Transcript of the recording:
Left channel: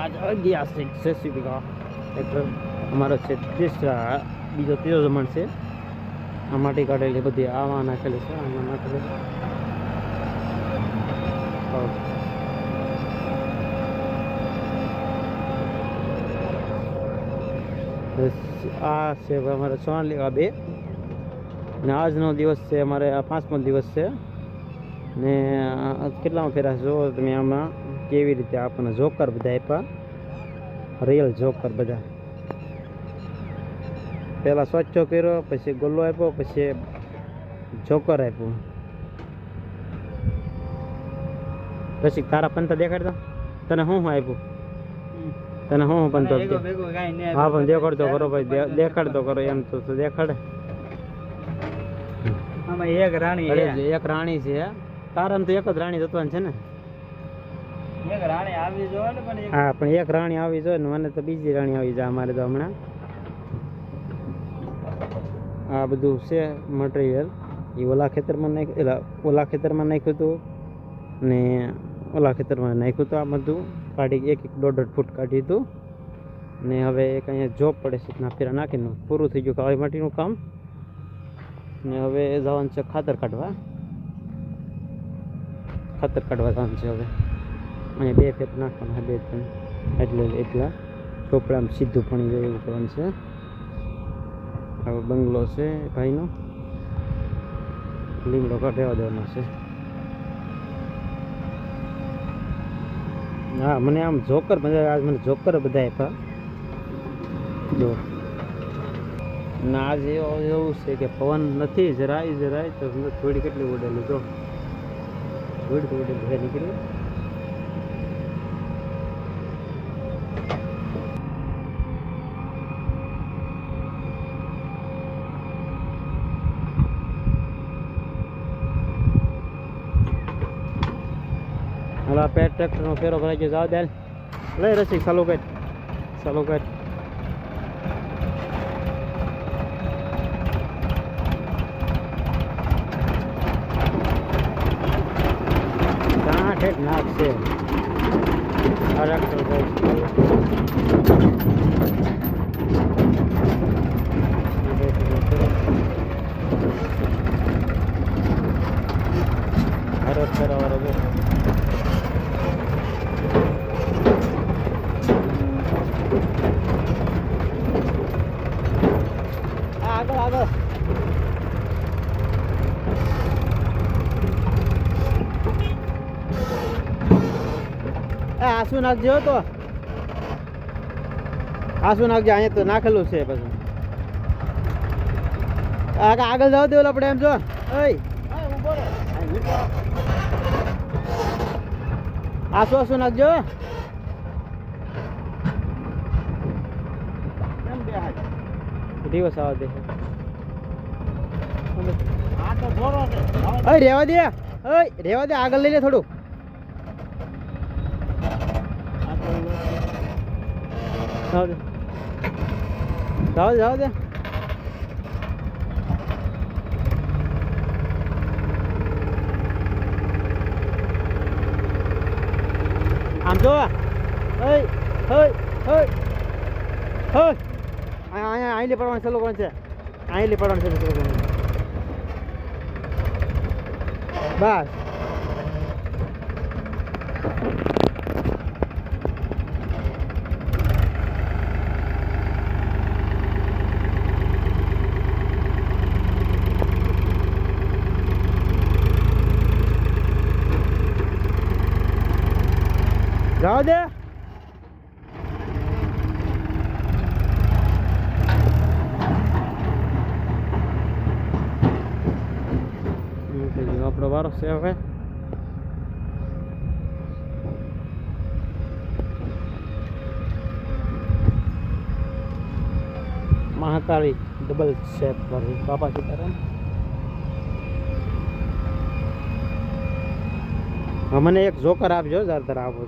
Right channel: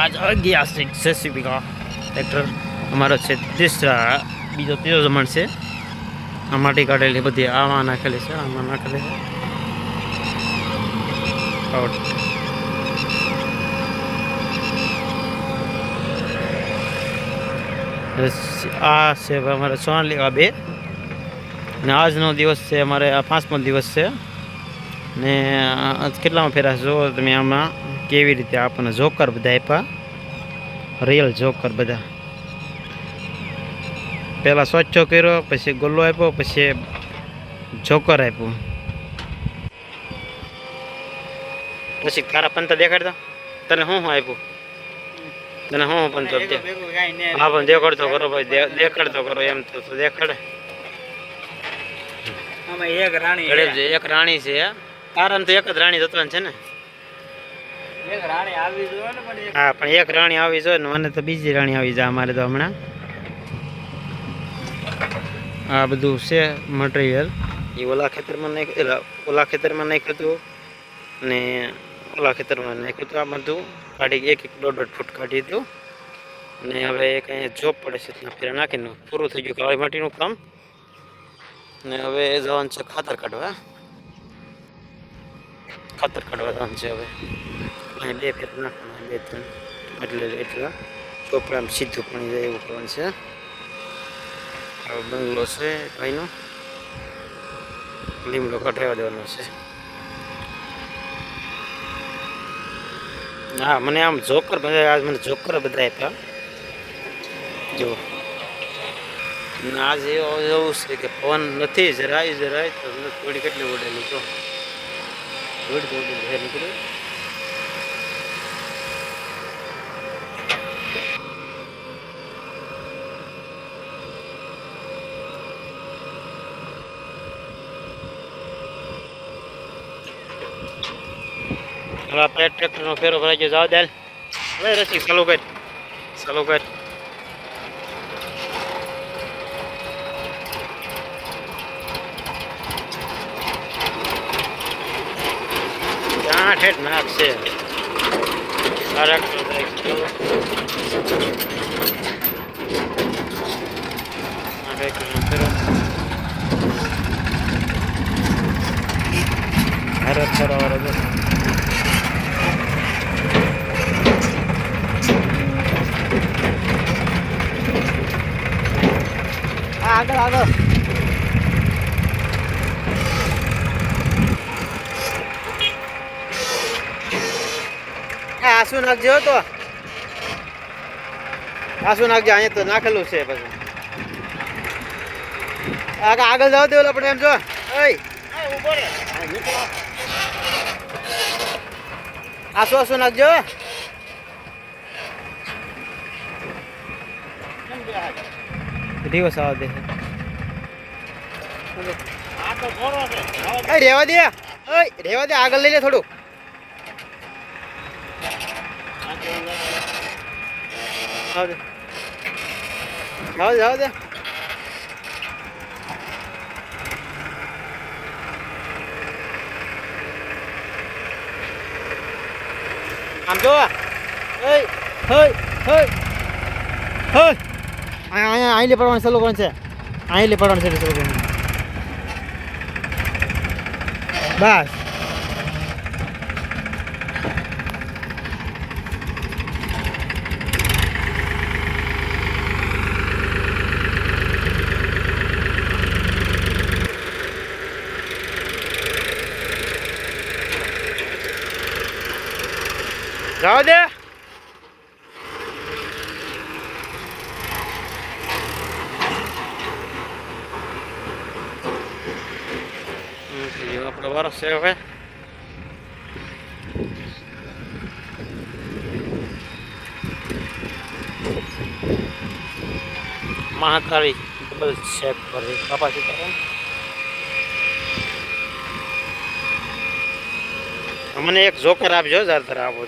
आज गया છે જેસીબી કા ટ્રેક્ટર અમારો છે तीसरा બીજો ત્રીજો જમણ છે આ માટી કાઢેલી બધી આમાં નાખેલી છે આમાં નાખેલી આ છે અમારે સોનાલિકા 2 અને આજનો દિવસ છે અમારે આ 5મો દિવસ છે ને કેટલામાં ફેરા જો તમે આમાં કેવી રીતે આપણને જોકર બધા આપ્યા રિયલ જોકર બધા પહેલાં સ્વચ્છો કર્યો પછી ગોલ્લો આપ્યો પછી જોકર આપ્યું પછી તારા પંત દેખાડતો તને શું આપ્યું તને શું પંતો હા પણ દેખાડતો કરો ભાઈ દેખાડતો કરો એમ તો દેખાડે એક રાણી છે તારામ તો એક જ રાણી જતવાની છે ને હા પણ એક રાણી આવી જોઈએ ને મને તો બીજી રાણી આવી જાય અમારે તો હમણાં આ બધું છે મટીરિયલ એ ઓલા ખેતરમાં નાખ્યું હતું ને ઓલા ખેતરમાં નાખ્યું હતું આ બધું કાઢી એક 1.5 ફૂટ કાઢી હતું ને હવે એક અહીંયા જોબ પડે છે ત્યાં ફેરા નાખીને પૂરું થઈ ગયું કાળી માટીનું કામ ને હવે જવાનું છે ખાતર કાઢવા જવાનું છે હવે અહીંયા 2 ફેર નાખવાના 2-3 એટલા ચોપડામાં સીધું પાણી જાય એવું કરવાનું છે હવે બંગલો છે ભાઈનો લીમડો કાઢવા દેવાનો છે હા મને આમ જોકર બધા આજ મને જોકર બધા આપ્યા જો આજ એવું છે કે પવન નથી જરાય તો થોડી કેટલી ઉડેલી જો નીકળી આપણે ટ્રેક્ટરનો ફેરો ભરાઈ ગયો જાવ દે લઈ રસી ચાલુ કર ત્યાં ઠેઠ નાખશે આ ટ્રેક્ટર ટ્રેક્ટરનો ફેરો ભારત ફેરવાળો આસુ નાખજો તો આસુ નાખજો અહીંયા તો નાખેલું છે પછી આગળ જવા દેવું આપણે એમ જો આસુ નાખજો દિવસ આવા દે રેવા દે આગળ લઈ લે થોડું જાવ દે આમ જો અહીં લે પડવાનું ચાલુ કોણ છે અહીં લે પડવાનું છે બસ જાવ દે આપણો વારો છે હવે મહાકાળી ડબલ શેક પર કાપાસી મને એક જોકર આપજો જરા આપો